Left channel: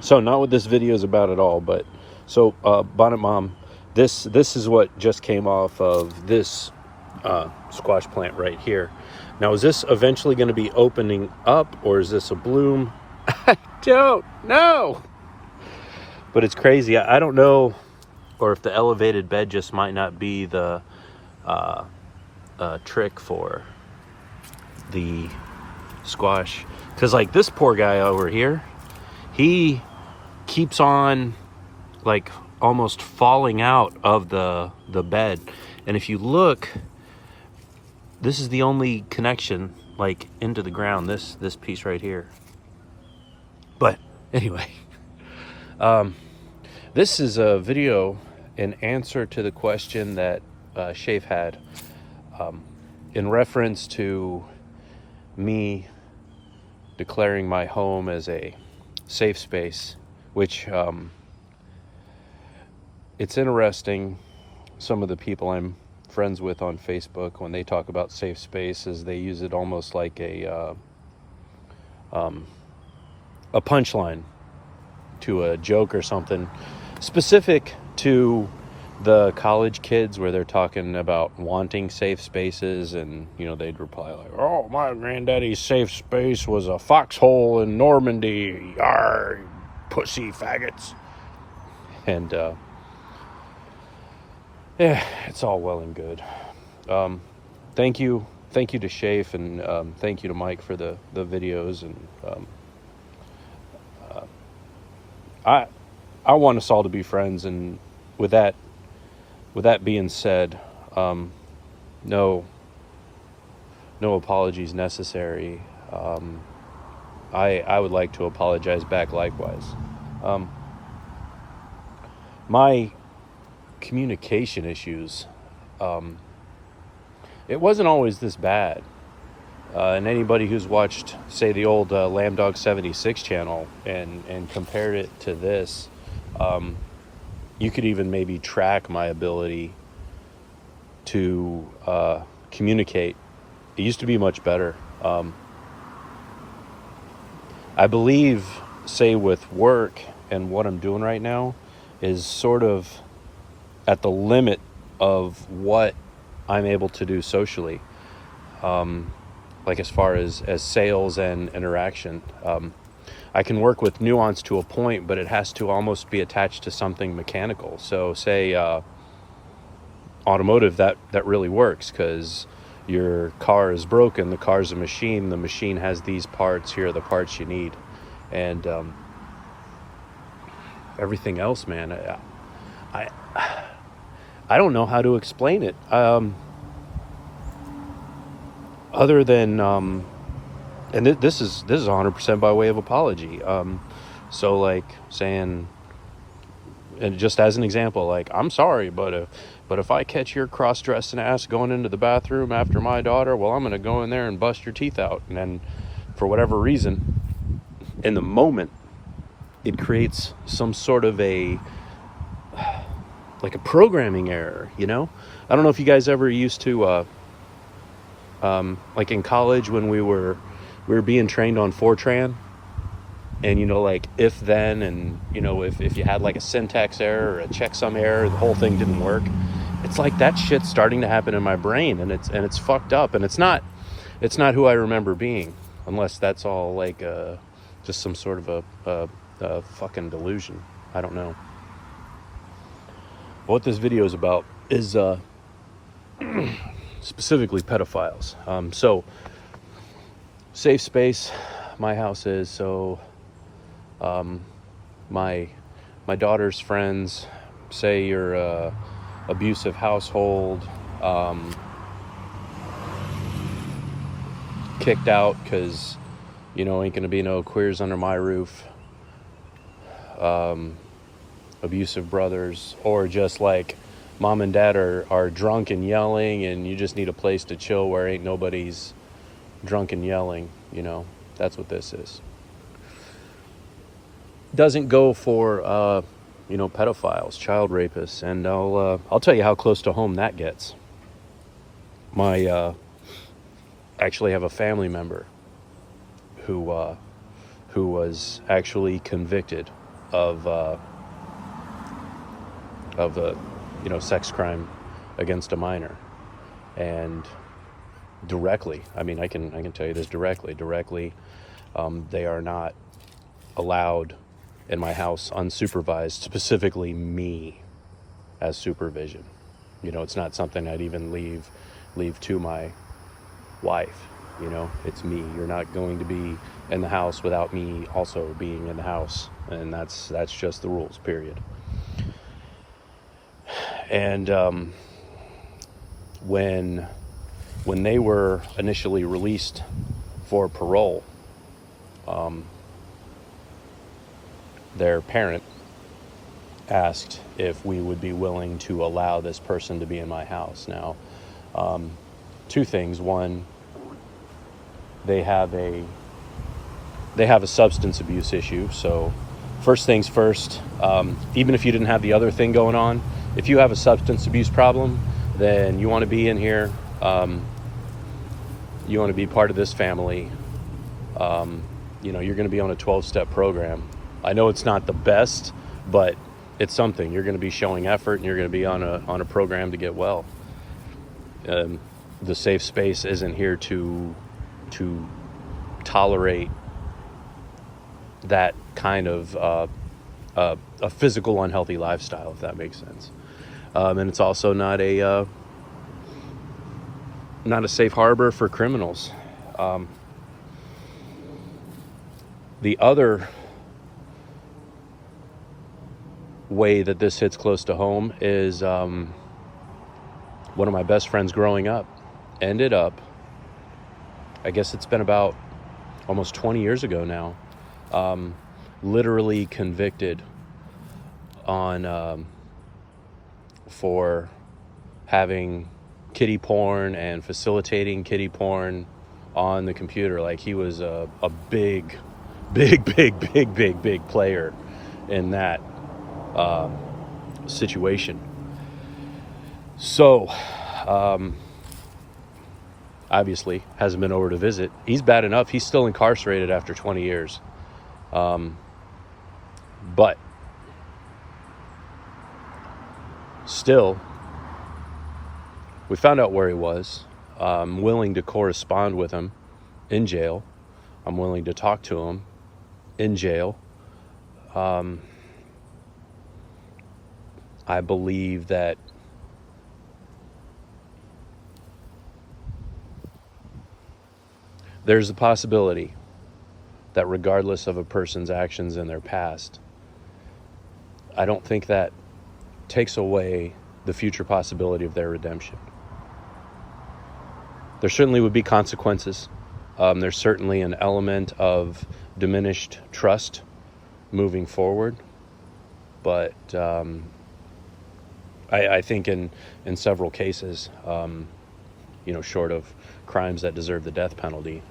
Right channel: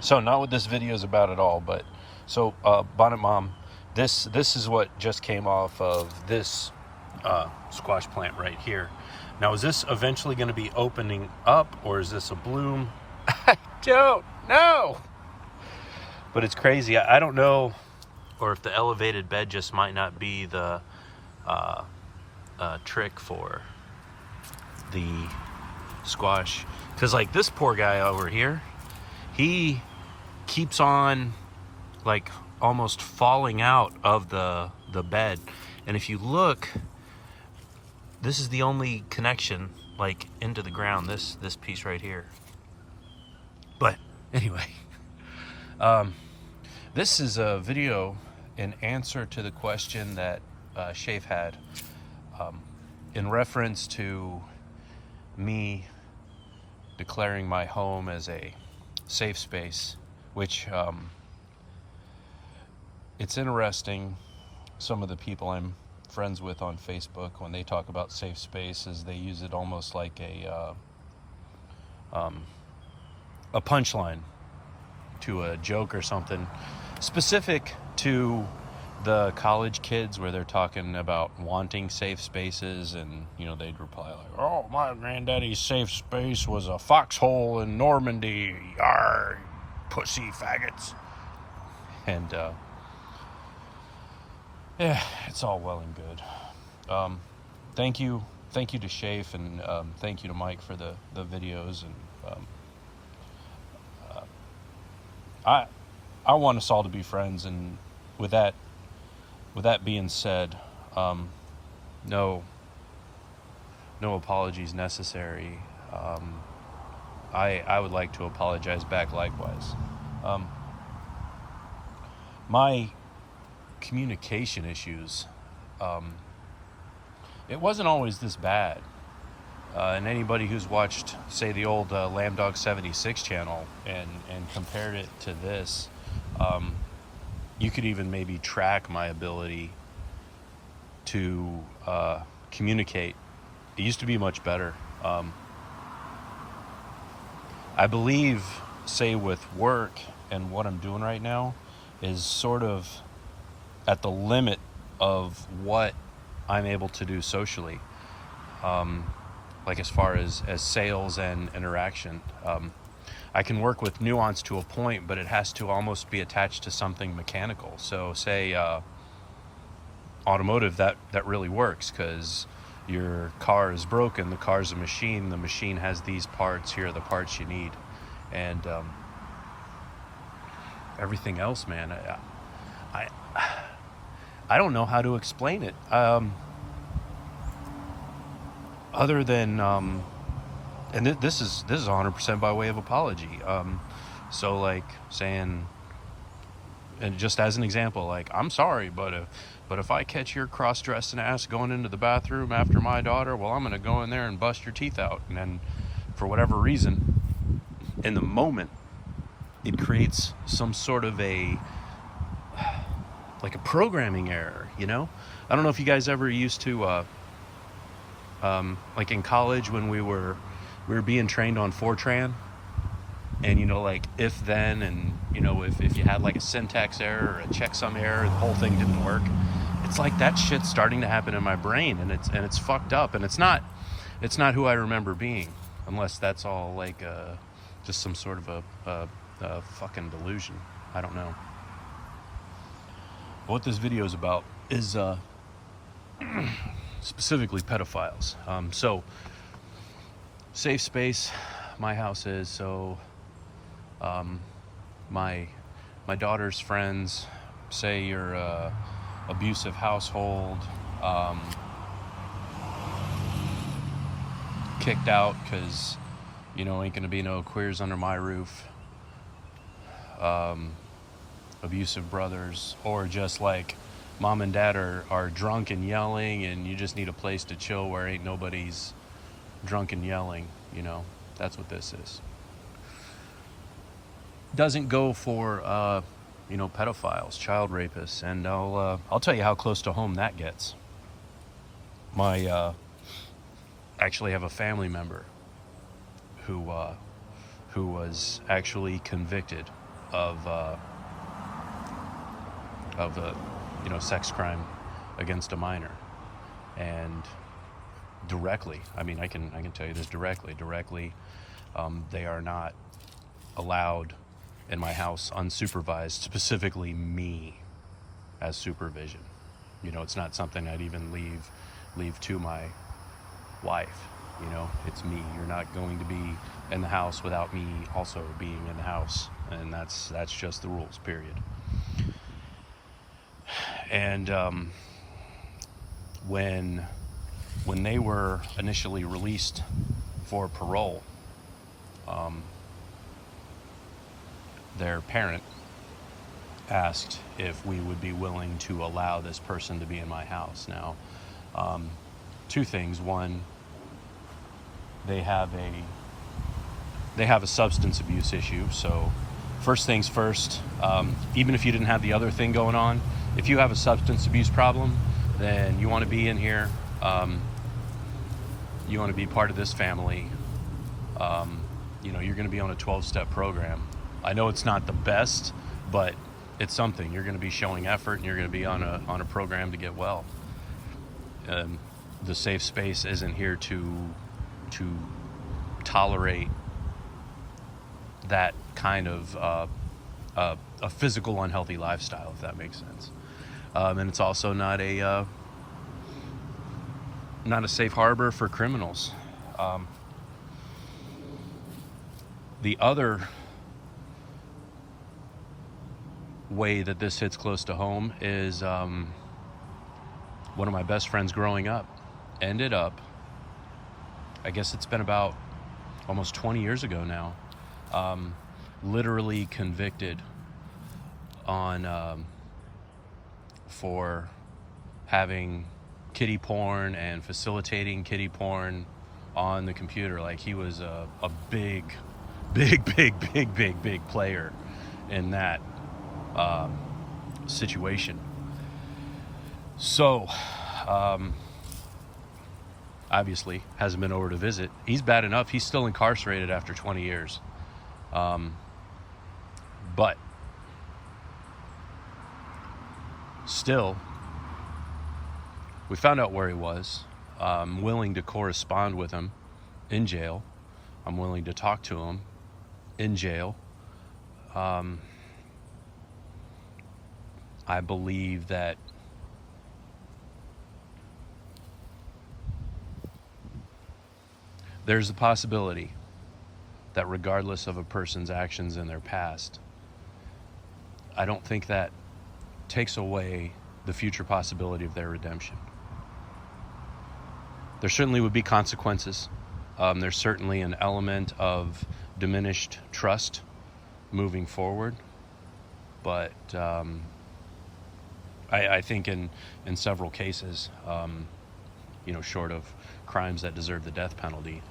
So not what this video is about at all, but so Bonnet Mom, this is what just came off of this squash plant right here. Now, is this eventually going to be opening up, or is this a bloom? I don't know. But it's crazy. I don't know, or if the elevated bed just might not be the trick for the squash. Because like this poor guy over here, he keeps on like almost falling out of the bed. And if you look, this is the only connection like into the ground, this piece right here. But anyway, this is a video in answer to the question that Shafe had in reference to me declaring my home as a safe space, which it's interesting. Some of the people I'm friends with on Facebook, when they talk about safe spaces, they use it almost like a punchline to a joke or something specific to the college kids, where they're talking about wanting safe spaces, and you know, they'd reply like, "Oh, my granddaddy's safe space was a foxhole in Normandy, yar, pussy faggots." And yeah, it's all well and good. Thank you to Shafe, and thank you to Mike for the videos, and I want us all to be friends. And with that being said, no apologies necessary. I would like to apologize back likewise. My communication issues, it wasn't always this bad. And anybody who's watched, say, the old Lambdog 76 channel and compared it to this, you could even maybe track my ability to communicate. It used to be much better. I believe, say, with work and what I'm doing right now is sort of at the limit of what I'm able to do socially. Like as far as sales and interaction. I can work with nuance to a point, but it has to almost be attached to something mechanical. So say automotive, that really works, because your car is broken, the car's a machine, the machine has these parts, here are the parts you need. And everything else, man, I don't know how to explain it. Other than and this is 100% by way of apology. So like saying, and just as an example, like, I'm sorry, but if I catch your cross-dressed ass going into the bathroom after my daughter, well, I'm gonna go in there and bust your teeth out. And then for whatever reason, in the moment, it creates some sort of a programming error, you know? I don't know if you guys ever used to like in college when we were being trained on Fortran, and you know, like if then, and you know, if you had like a syntax error or a checksum error, the whole thing didn't work. It's like that shit's starting to happen in my brain, and it's fucked up, and it's not who I remember being, unless that's all like just some sort of a fucking delusion. I don't know. What this video is about is specifically pedophiles. So safe space, my house is. So my daughter's friends, say you're a abusive household, kicked out because, you know, ain't gonna be no queers under my roof, abusive brothers, or just like mom and dad are drunk and yelling, and you just need a place to chill where ain't nobody's drunk and yelling, you know. That's what this is. Doesn't go for you know, pedophiles, child rapists, and I'll tell you how close to home that gets. My actually have a family member who was actually convicted of a sex crime against a minor. And directly, I mean, I can tell you this directly, they are not allowed in my house unsupervised, specifically me as supervision. It's not something I'd even leave to my wife. It's me. You're not going to be in the house without me also being in the house, and that's just the rules, period. And when they were initially released for parole, their parent asked if we would be willing to allow this person to be in my house. Now, two things. One, they have a substance abuse issue. So first things first, even if you didn't have the other thing going on, if you have a substance abuse problem, then you want to be in here. You want to be part of this family. You're going to be on a 12-step program. I know it's not the best, but it's something. You're going to be showing effort, and you're going to be on a program to get well. The safe space isn't here to tolerate that kind of a physical unhealthy lifestyle, if that makes sense. And it's also not a safe harbor for criminals. The other way that this hits close to home is one of my best friends growing up ended up, I guess it's been about almost 20 years ago now, literally convicted on for having kiddie porn and facilitating kiddie porn on the computer. Like, he was a big player in that situation. So obviously hasn't been over to visit. He's bad enough. He's still incarcerated after 20 years. But still, we found out where he was. I'm willing to correspond with him in jail. I'm willing to talk to him in jail. I believe that there's a possibility that regardless of a person's actions in their past, I don't think that takes away the future possibility of their redemption. There certainly would be consequences. There's certainly an element of diminished trust moving forward. But I think in several cases, short of crimes that deserve the death penalty,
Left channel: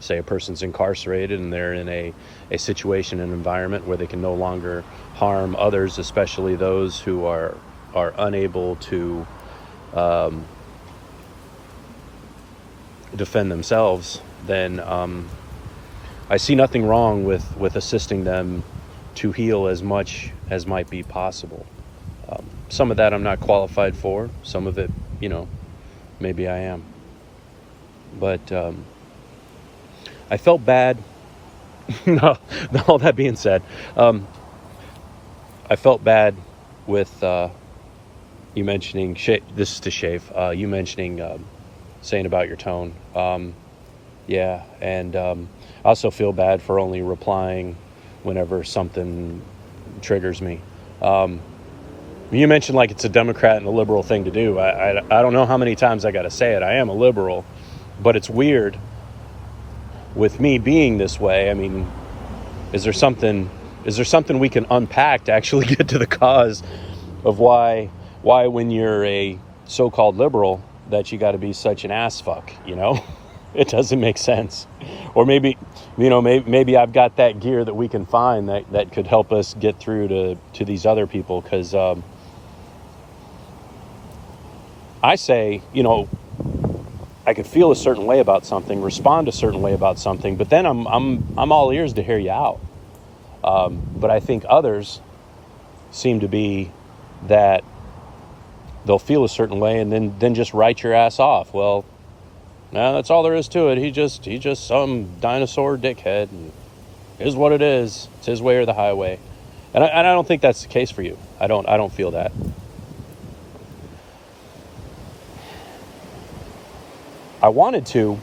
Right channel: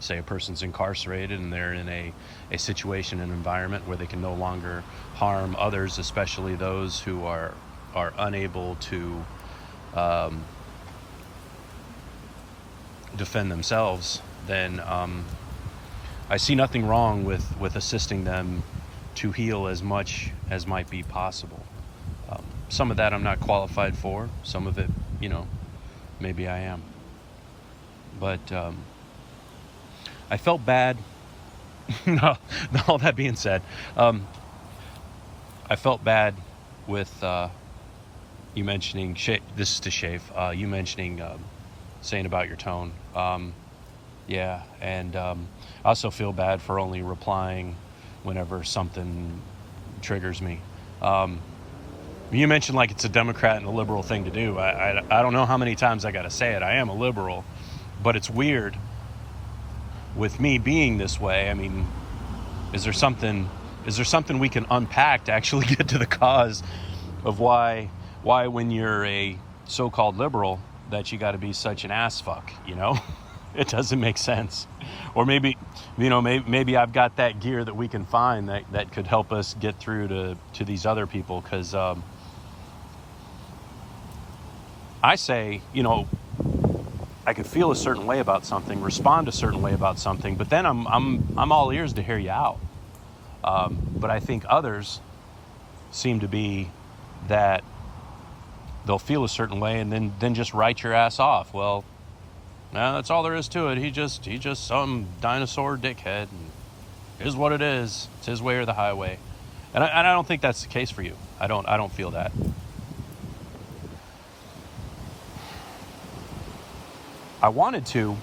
say a person's incarcerated and they're in a situation, an environment where they can no longer harm others, especially those who are unable to defend themselves, then I see nothing wrong with assisting them to heal as much as might be possible. Some of that I'm not qualified for. Some of it, maybe I am. But I felt bad. No, all that being said, I felt bad with you mentioning, this is to Shave, you mentioning saying about your tone. Yeah, and I also feel bad for only replying whenever something triggers me. You mentioned like it's a Democrat and a liberal thing to do. I don't know how many times I got to say it. I am a liberal, but it's weird with me being this way. I mean, is there something we can unpack to actually get to the cause of why when you're a so-called liberal that you got to be such an ass fuck, It doesn't make sense. Or maybe I've got that gear that we can find that could help us get through to these other people, because I say, I could feel a certain way about something, respond a certain way about something, but then I'm all ears to hear you out. But I think others seem to be that they'll feel a certain way and then just write your ass off. Well, no, that's all there is to it. He just some dinosaur dickhead, and is what it is. It's his way or the highway. And I don't think that's the case for you. I don't feel that. I wanted to,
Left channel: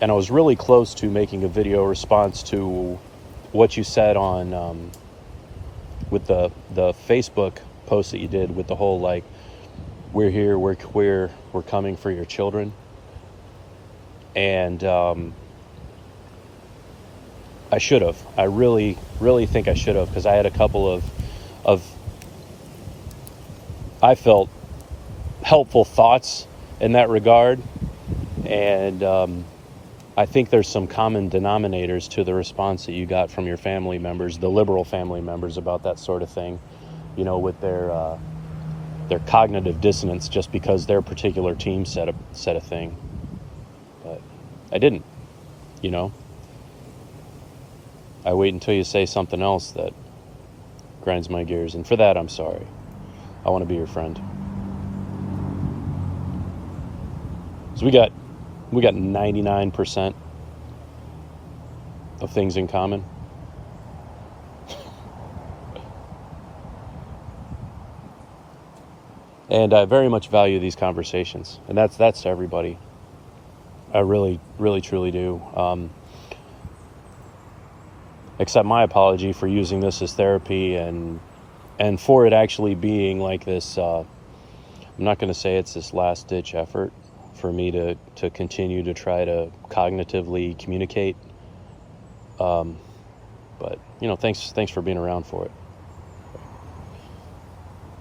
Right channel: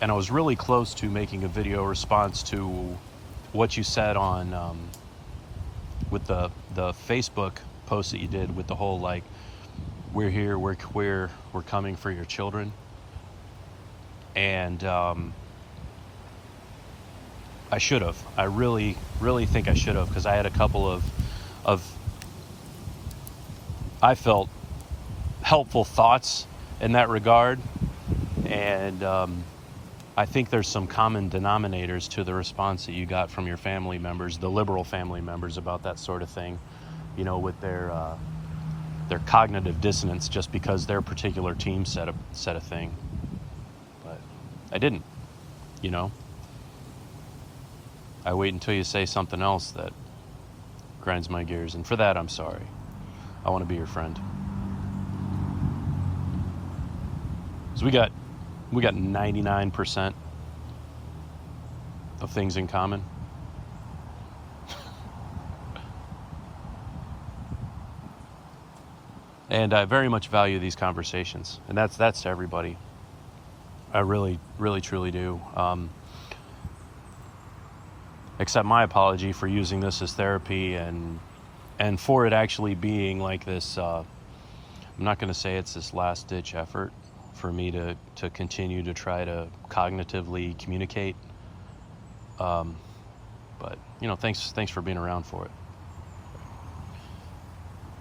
and I was really close to making a video response to what you said on with the Facebook post that you did with the whole like, we're here, we're queer, we're coming for your children. And I should have. I really think I should have, because I had a couple of I felt helpful thoughts in that regard. And I think there's some common denominators to the response that you got from your family members, the liberal family members, about that sort of thing, you know, with their cognitive dissonance just because their particular team said a thing. But I didn't, you know. I wait until you say something else that grinds my gears, and for that I'm sorry. I want to be your friend. So we got 99% of things in common. And I very much value these conversations, and that's to everybody. I really truly do. Accept my apology for using this as therapy, and for it actually being like this. I'm not going to say it's this last ditch effort for me to continue to try to cognitively communicate. But you know, thanks for being around for it.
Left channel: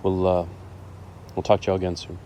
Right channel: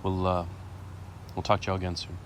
We'll talk to y'all again soon.